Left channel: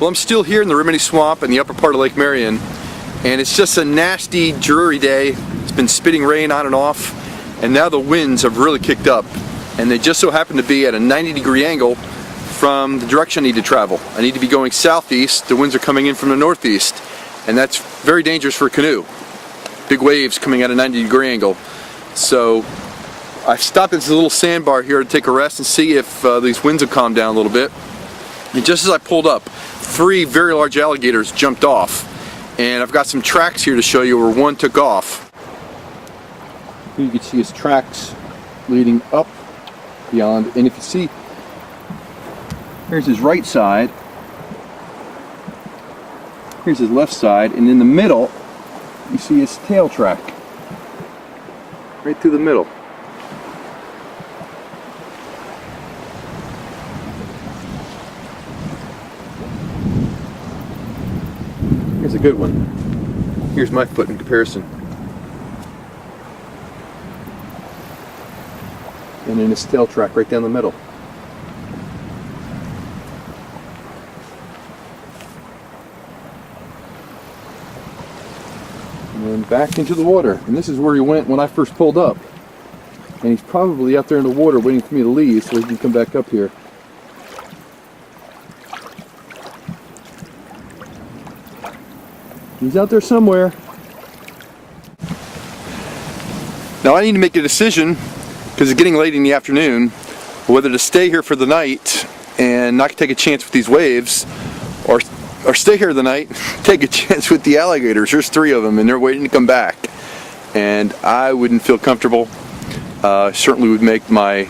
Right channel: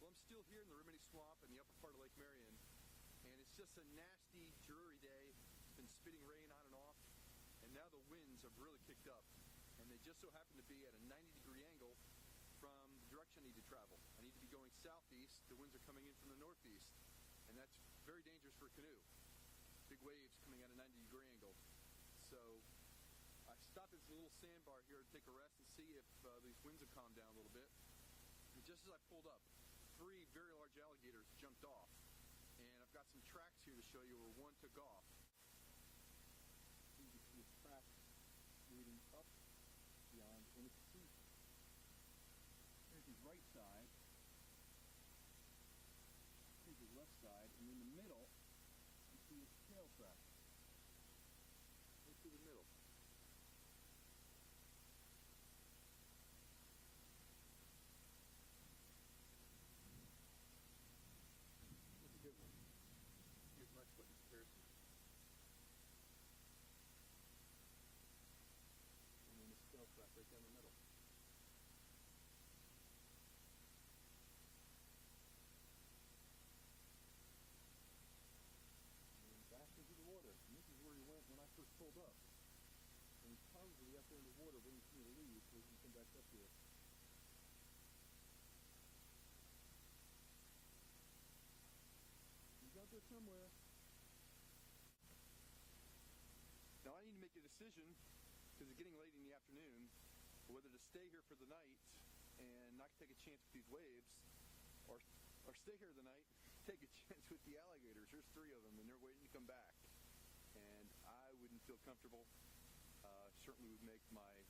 Well, I'm still here in the Riverventure Swamp in the upper part of Lake Marion, and it's just a nasty, dreary day. It's been spitting rain on and off, and now the winds have really kicked up, and they just so happen to be at a 90-degree angle from the direction I need to travel. I need to be going southeast. The winds are coming in from the northeast, and that's very dangerous for a canoe. Big waves coming at a 90-degree angle. So I've stopped at this little sandbar here to take a rest and see if these winds have calmed down a little bit. And just as I pulled up, 3 very large alligators jumped off, and I've got some tracks here to show you where one took off. Here you can see his tracks leading up beyond, and if you see, here's his right side, here's his left side, and in the middle you see his tail track right through the middle. Here's a good one. Here's my foot in comparison. And then his tail track right down the middle. And then back into the water. And this is where he went when I first pulled up. And he's probably out there in the water waiting for me to leave so he can come back up here. He's out there somewhere. Now I need to make a decision, because it's getting late in the afternoon, whether to stay here for the night and not take a chance with these waves, or stay here the night, take a chance with the alligators. There's 3 of them and they're waiting to come back. And I wouldn't feel comfortable. Certainly would make my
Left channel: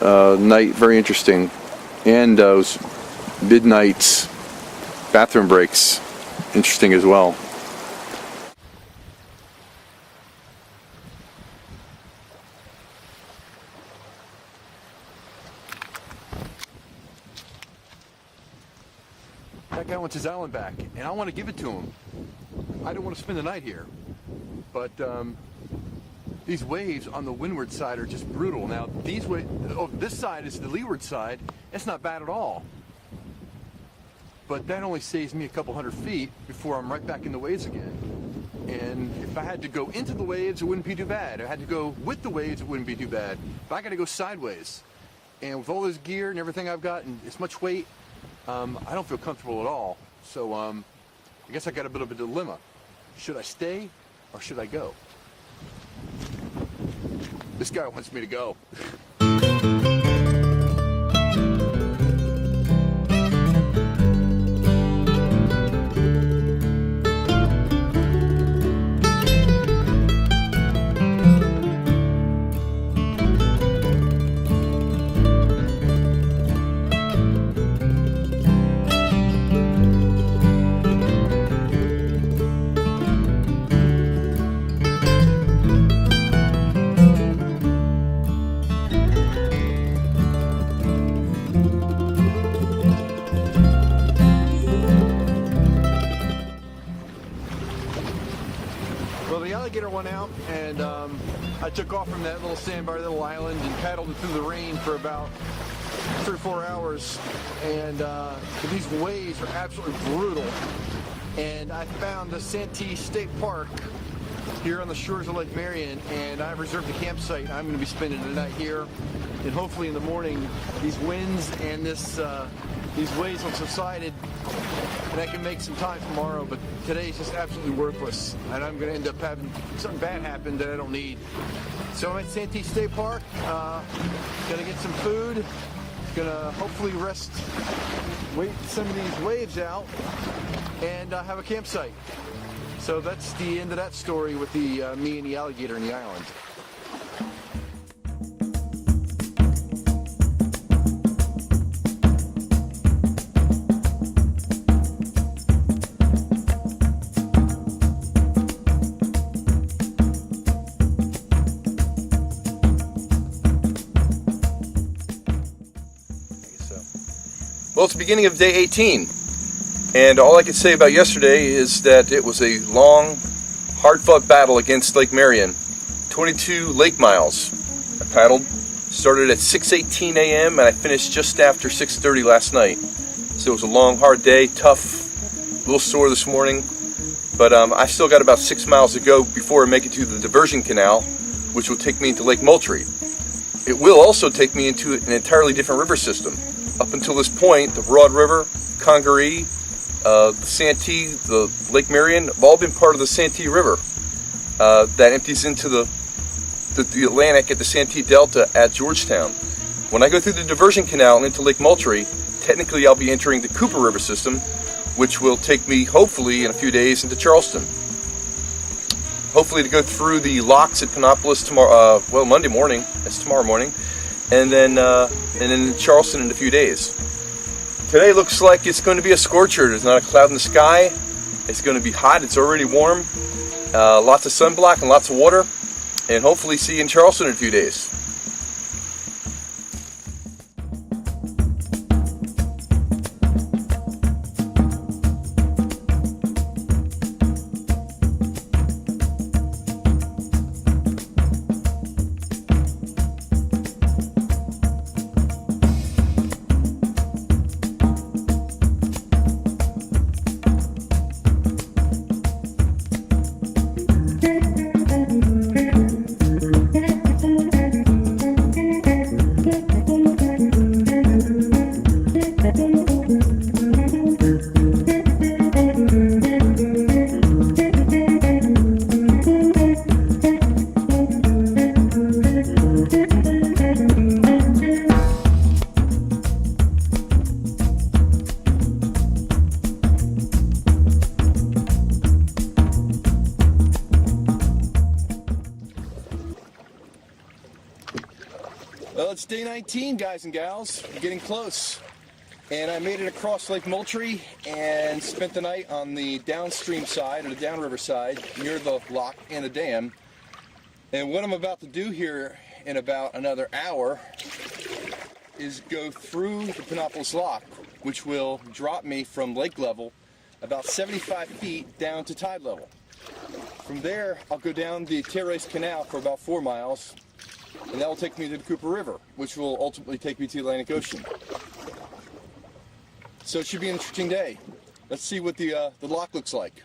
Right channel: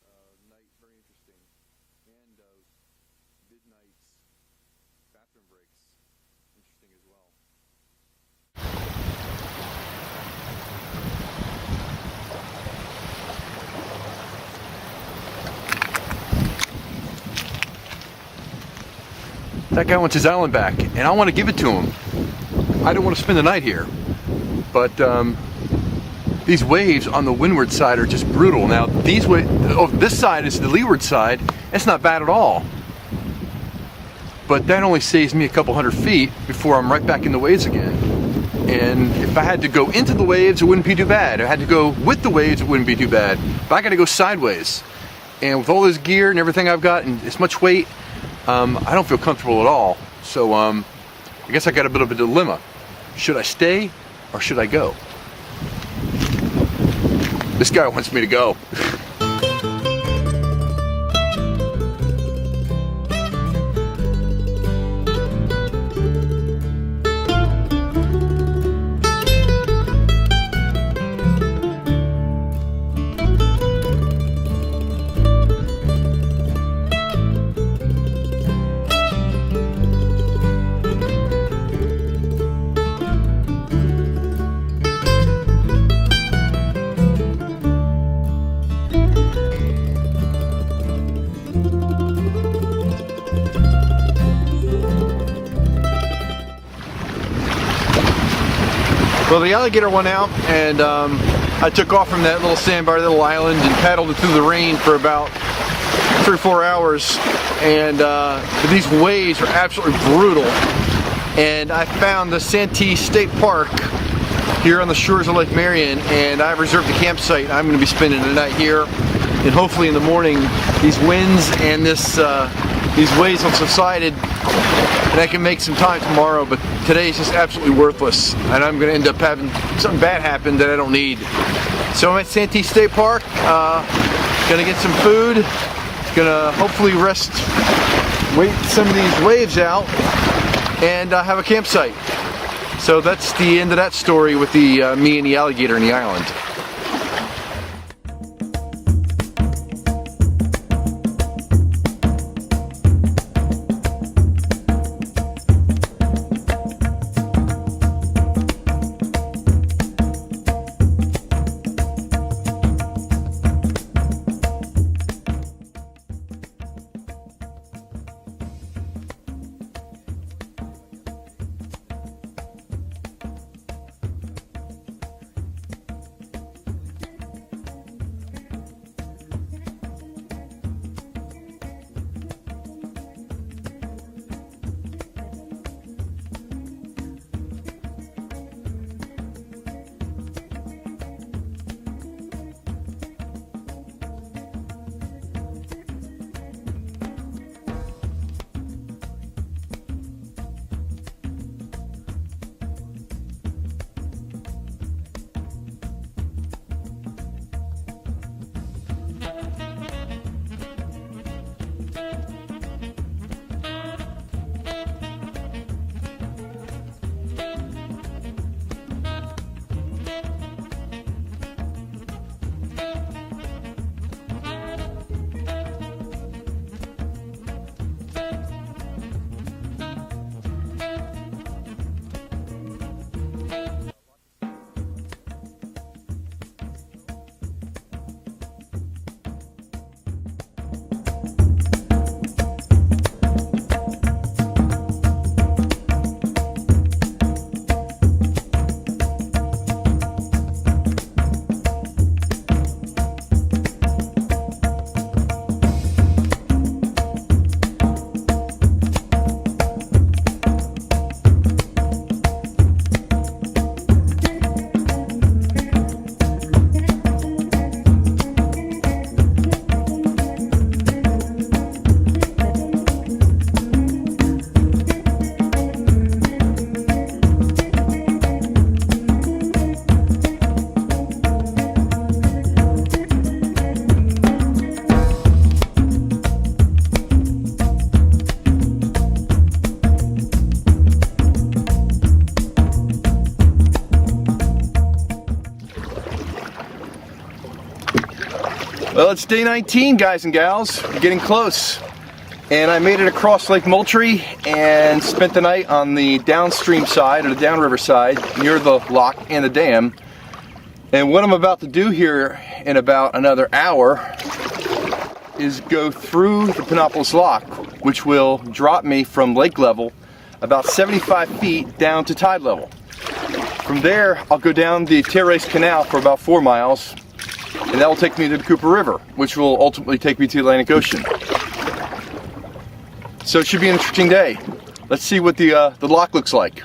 night very interesting. And those midnight bathroom breaks interesting as well. That guy wants his island back, and I want to give it to him. I don't want to spend the night here, but these waves on the windward side are just brutal. Now these this side is the leeward side. It's not bad at all. But that only saves me a couple hundred feet before I'm right back in the waves again. And if I had to go into the waves, it wouldn't be too bad. If I had to go with the waves, it wouldn't be too bad. But I got to go sideways. And with all this gear and everything I've got and this much weight, I don't feel comfortable at all. So I guess I got a bit of a dilemma. Should I stay or should I go? This guy wants me to go. Well, the alligator went out, and I took off from that little sandbar, little island, and paddled it through the rain for about 3 or 4 hours. And these waves are absolutely brutal. And I found the Santee State Park here on the shores of Lake Marion, and I've reserved a campsite. I'm going to be spending the night here, and hopefully in the morning these winds and these waves have subsided, and I can make some time tomorrow. But today is just absolutely worthless, and I'm going to end up having something bad happen that I don't need. So I'm at Santee State Park, going to get some food, going to hopefully rest, wait some of these waves out, and have a campsite. So that's the end of that story with the me and the alligator in the island. Well, it's the beginning of day 18, and all I can say about yesterday is that it was a long, hard-fought battle against Lake Marion. 22 lake miles. I paddled, started at 6:18 a.m. and I finished just after 6:30 last night. So it was a long, hard day, tough, a little sore this morning. But I still got about 6 miles to go before I make it to the diversion canal, which will take me into Lake Moultrie. It will also take me into an entirely different river system. Up until this point, the Broad River, Congaree, the Santee, the Lake Marion have all been part of the Santee River that empties into the Atlantic at the Santee Delta at Georgetown. When I go through the diversion canal and into Lake Moultrie, technically I'll be entering the Cooper River system, which will take me, hopefully, in a few days into Charleston. Hopefully to go through the locks at Panopolis tomorrow, well, Monday morning, that's tomorrow morning, and then Charleston in a few days. Today looks like it's going to be a scorcher. There's not a cloud in the sky. It's going to be hot. It's already warm. Lots of sunblock and lots of water, and hopefully see you in Charleston in a few days. Well, it's day 19, guys and gals. We're getting close. And I made it across Lake Moultrie and spent the night on the downstream side, or the downriver side, near the lock and the dam. And what I'm about to do here in about another hour is go through the Panopolis Lock, which will drop me from lake level about 75 feet down to tide level. From there, I'll go down the Terrace Canal for about 4 miles, and that will take me to the Cooper River, which will ultimately take me to the Atlantic Ocean. So it should be an interesting day. Let's see what the lock looks like.